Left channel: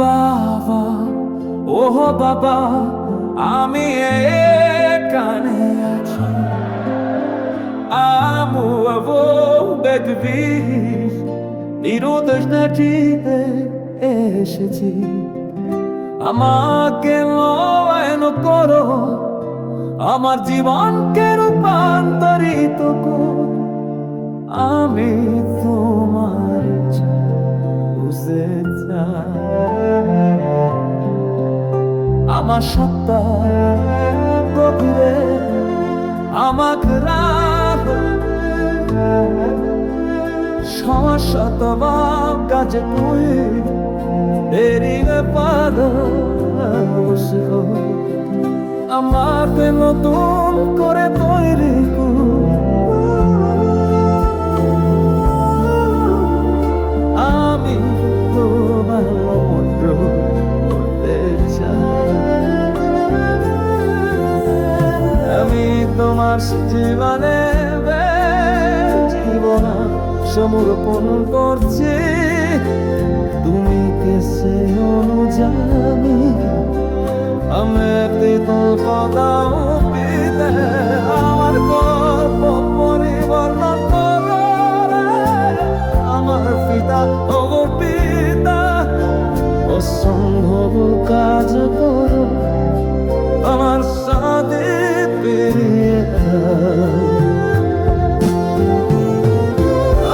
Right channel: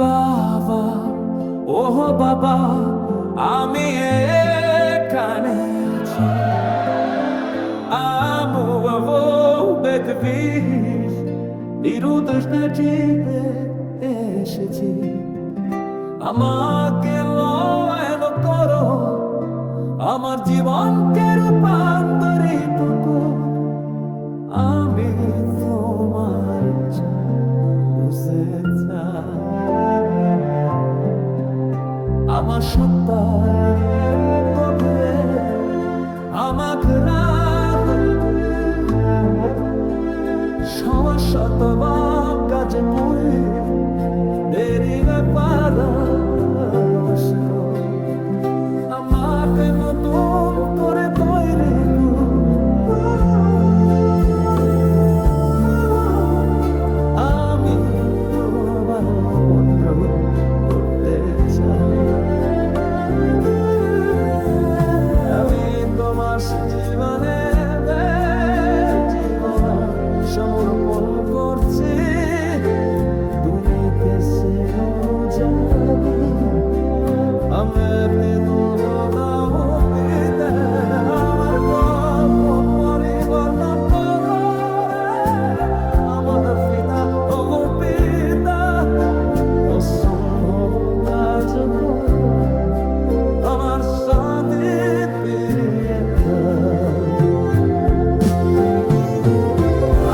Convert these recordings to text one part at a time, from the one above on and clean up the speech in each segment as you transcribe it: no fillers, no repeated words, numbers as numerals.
বাবা, ও বাবা, আমি এখানে আছি। Amo বেগবিস নিরুদ্দেশ নাচিতে এসেছি। আমাকে লয়ন করো, আমার জীবনকে রূপান্তরিত করো। আমি তোমার বুঝে আমার সত্তা গভীরে আমাকে রাখ সমস্যা তোমার কাছে তুই দেরি পাদ আমাকে নতুন করে তৈরি আমি তো ভালো মন্দ করতে চাই। আমি তোমার জীবনে জীবন সমর্পণ করছি। তুমি কে সে অনুযায়ী আমি দাও পিতে আমার গল্প পরিবর্তন করো আমার পিতা ও পিতা অসম্ভব কাজ করো আমার সাথে পেরিয়ে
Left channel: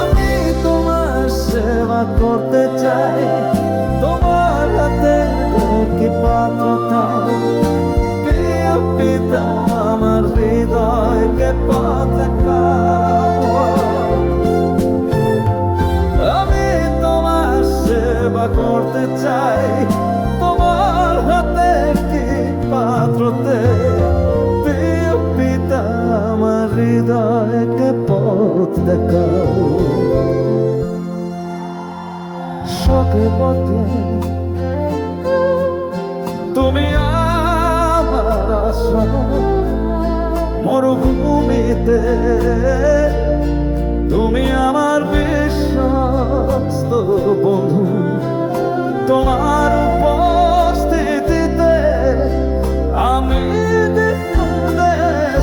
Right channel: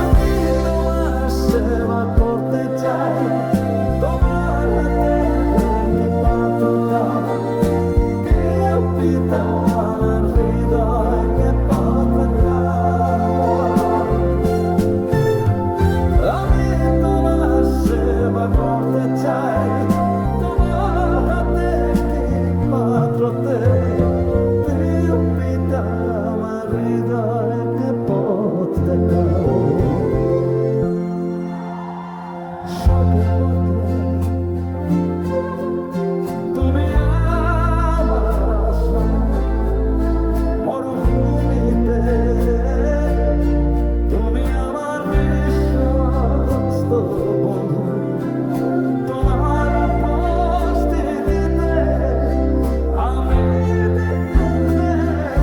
আমি তোমার সেবা করতে চাই। তোমার হাতে কি পাত্রতা প্রিয় পিতা আমার হৃদয়কে পথ দেখাও। আমি তোমার সেবা করতে চাই। তোমার হাতে কি পাত্রতে প্রিয় পিতা আমার হৃদয়কে পথ দেখাও। শোকে পথে তুমি আমার আশ্রয়, মরুভূমিতে তুমি আমার বিশ্বস্ত বন্ধু। তোমার উপস্থিতিতে আমি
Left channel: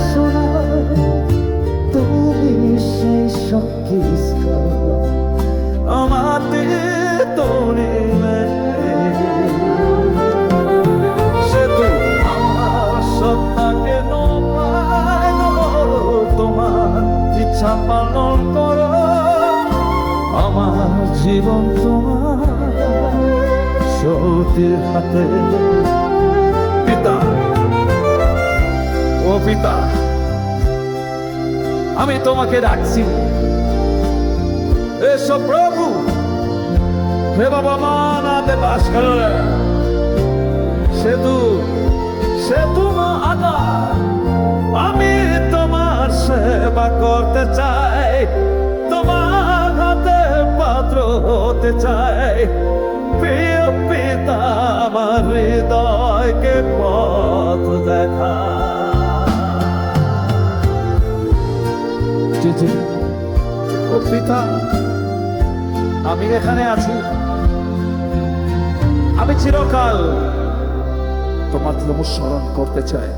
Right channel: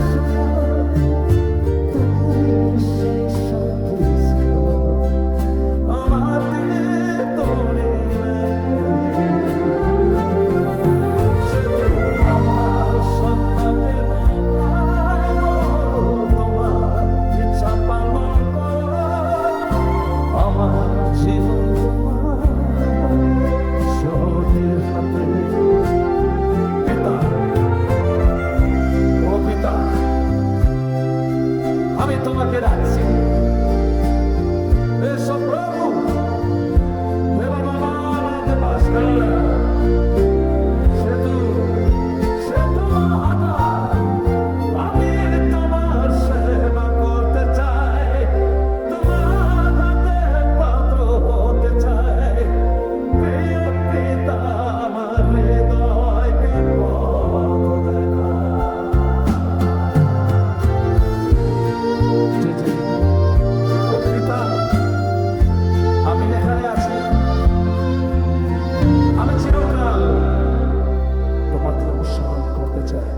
শোনা তুমি সেই শক্তি আমার তোরে সেতু আমার সত্তাকে নয় তোমার ইচ্ছা পালন করো। আমার জীবন তোমার সতীর হাতে। পিতা ও পিতা আমি তোমাকে রাখছি। এসো প্রভু হে বাবা মানাতে বাস করে সেতু সেতু মা আকার আমি তোমার সেবা করতে চাই। তোমার হাতে পাত্র হতে চাই। প্রিয় পিতা আমার হৃদয়কে পথ দেখা। ও পিতা আমি এখানে আছি। আমি চিরকাল তোমার অনুসরণ করতে চাই।